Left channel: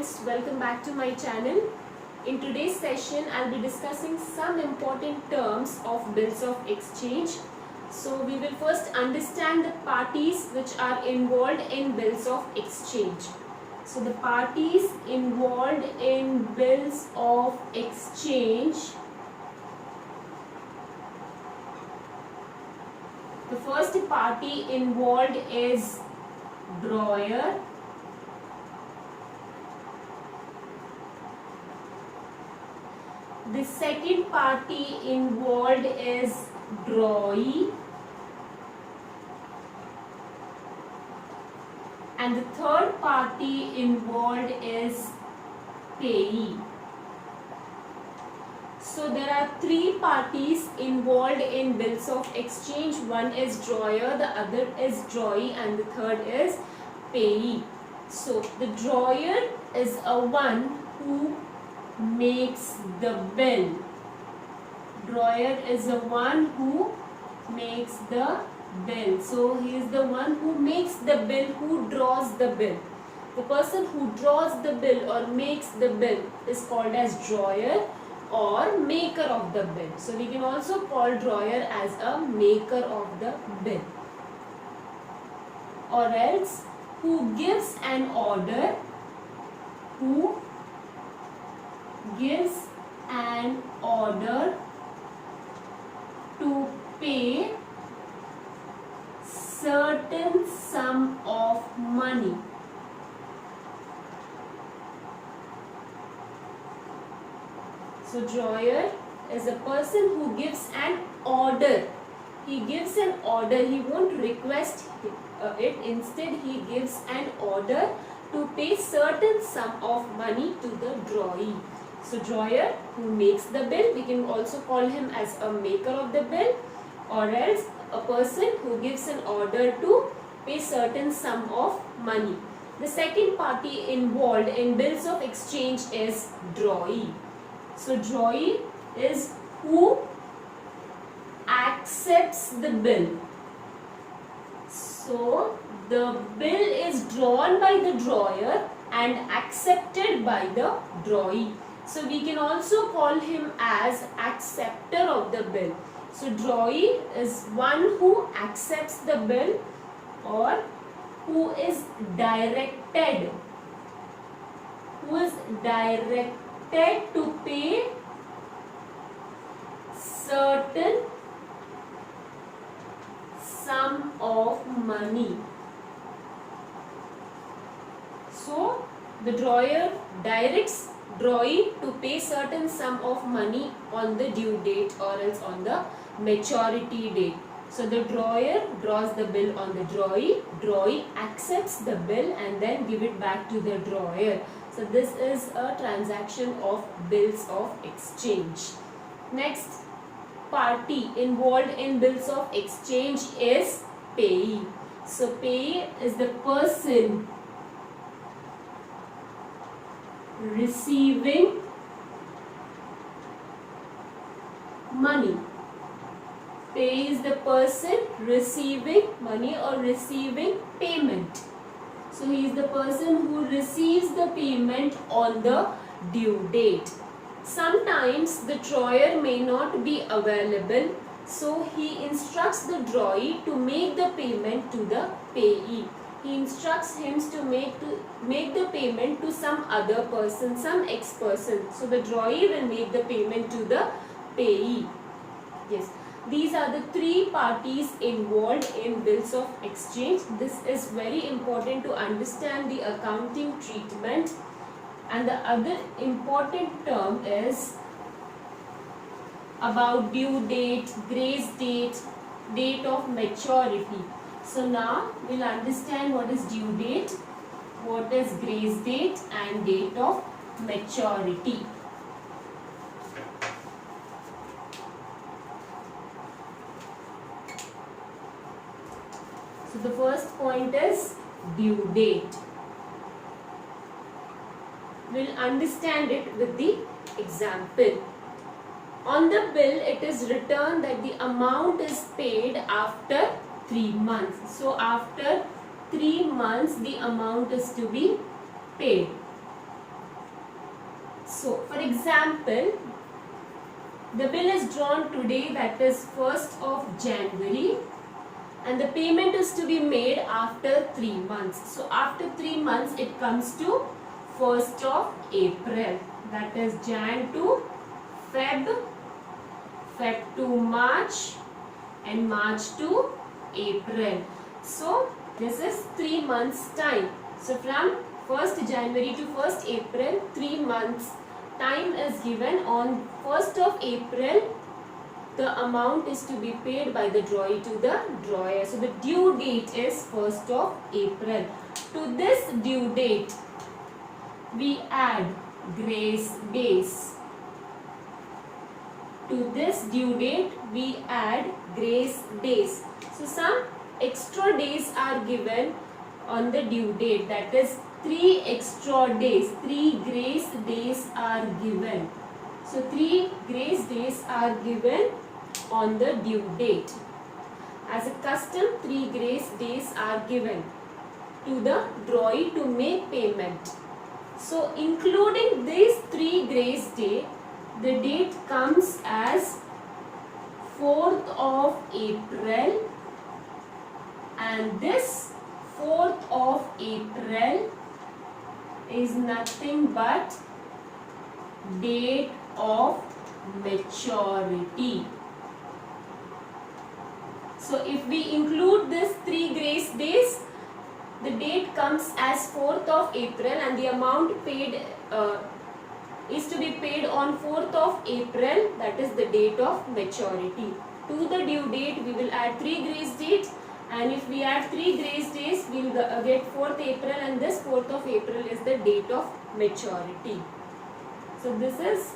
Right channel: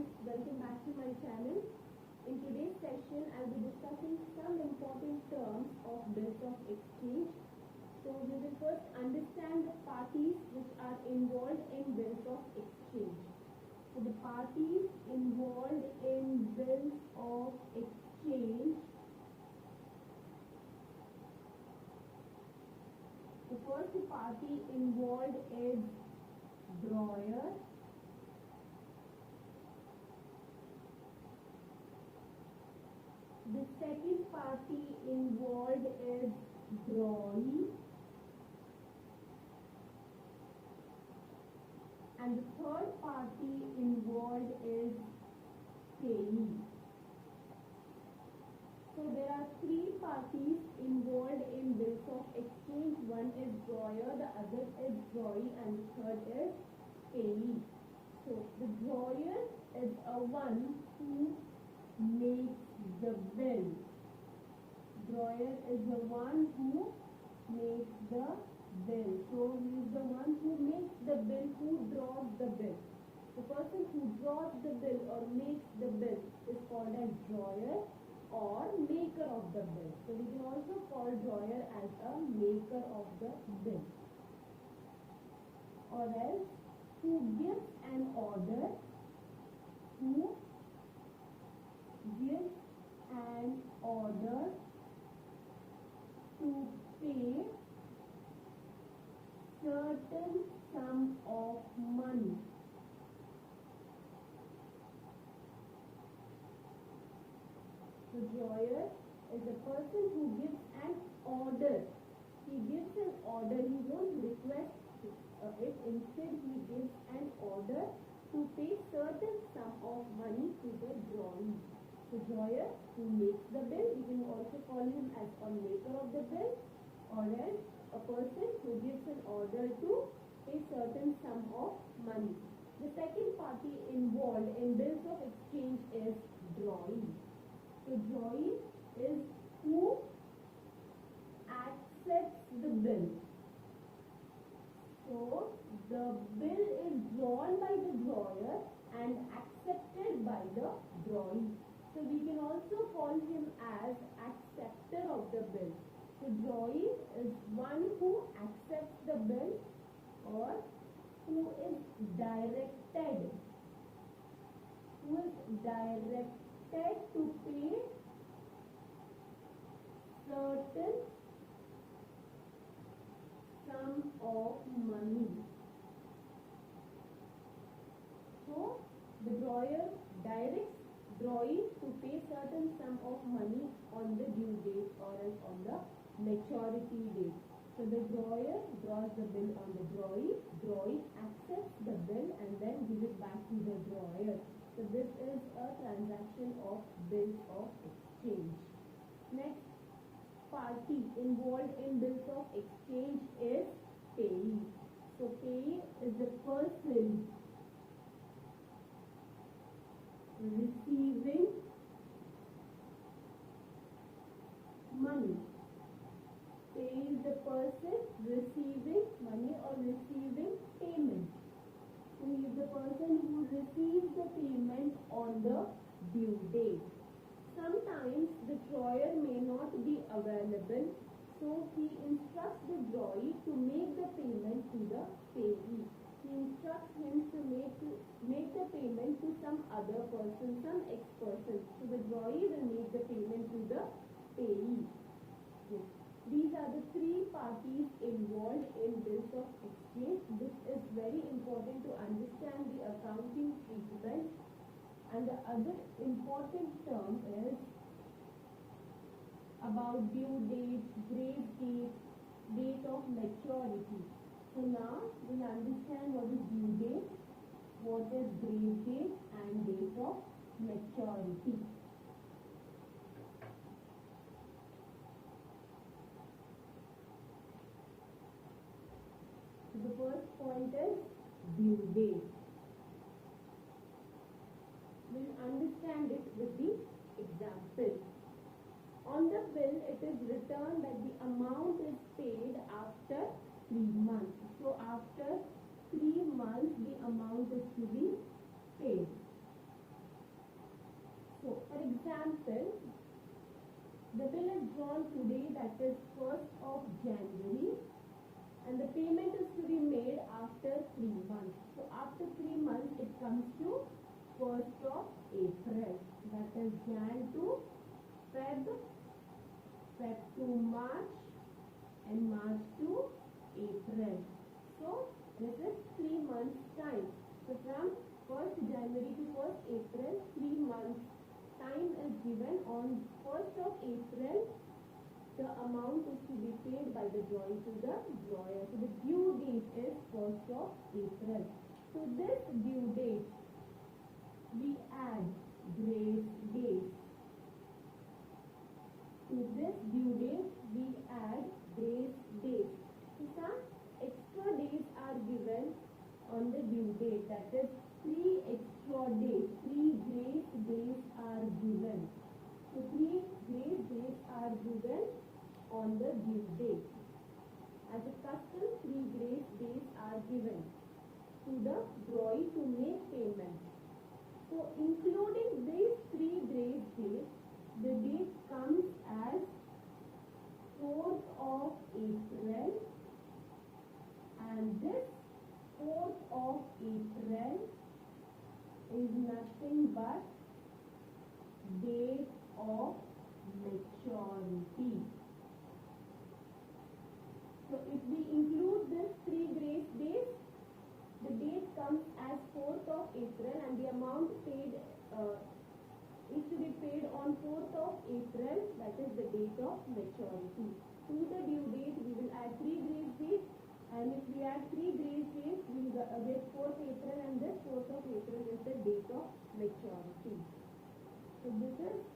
students, welcome back to my channel. In today's session, I'll be discussing some important terms of bills of exchange. So we will first understand the parties which are involved in bills of exchange. So the parties involved in bills of exchange. The first party involved is drawer. The second party involved is drawee. And the third party involved is payee. So there are three parties involved in bills of exchange. One is drawer, the other is drawee, and the third is payee. So the drawer is a one who makes the bill. Drawer is the one who makes the bill. So he is the one who makes the bill, who draws the bill. The person who draws the bill or makes the bill is called as drawer or maker of the bill. So we can also call drawer as a maker of the bill. Or else who gives an order, who gives an order to pay certain sum of money. So drawer is a person who gives an order. He gives an order. He won't request it. Instead, he gives an order to pay certain sum of money to the drawee. So drawer who makes the bill, we can also call him as a maker of the bill, or else a person who gives an order to pay certain sum of money. The second party involved in bills of exchange is drawee. So drawee is who accepts the bill. So the bill is drawn by the drawer and accepted by the drawee. So we can also call him as acceptor of the bill. So drawee is one who accepts the bill or who is directed. Who is directed to pay certain sum of money. So the drawer directs drawee to pay certain sum of money on the due date or else on the maturity date. So the drawer draws the bill on the drawee accepts the bill and then give it back to the drawer. So this is a transaction of bills of exchange. Next party involved in bills of exchange is payee. So payee is the person receiving money. Payee is the person receiving money or receiving payment. So he is the person who receives the payment on the due date. Sometimes the drawer may not be available, so he instructs the drawee to make the payment to the payee. He instructs him to make the payment to some other person, some ex person. So the drawee will make the payment to the payee. Yes. These are the three parties involved in bills of exchange. This is very important to understand the accounting treatment. And the other important term is about due date, grace date, date of maturity. So now we'll understand what is due date, what is grace date and date of maturity. So the first point is due date. We'll understand it with the example. On the bill, it is written that the amount is paid after 3 months. So after 3 months, the amount is to be paid. example, the bill is drawn today, that is 1st of January, and the payment is to be made after 3 months. So after 3 months it comes to 1st of April, that is Jan to Feb, Feb to March, and March to April. So this is 3 months time. So from 1st January to 1st April, 3 months time is given. On 1st of April, the amount is to be paid by the drawee to the drawer. So the due date is 1st of April. To this due date, we add grace days. To this due date, we add grace days. So some extra days are given on the due date, that is 3 extra days, 3 grace days are given. So 3 grace days are given on the due date. As a custom, 3 grace days are given to the drawee to make payment. So including these 3 grace days, the date comes as 4th of April, and this 4th of April is nothing but date of maturity. So if we include this 3 grace days, the date comes as 4th of April, and the amount paid is to be paid on 4th of April, that is the date of maturity. To the due date, we will add 3 grace days, and if we add 3 grace days, we will get 4th April, and this 4th of April is the date of maturity. So this is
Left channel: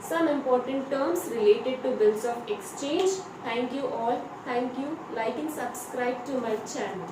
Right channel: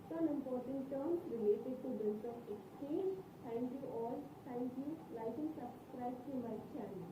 some important terms related to bills of exchange. Thank you all. Thank you. Like and subscribe to my channel.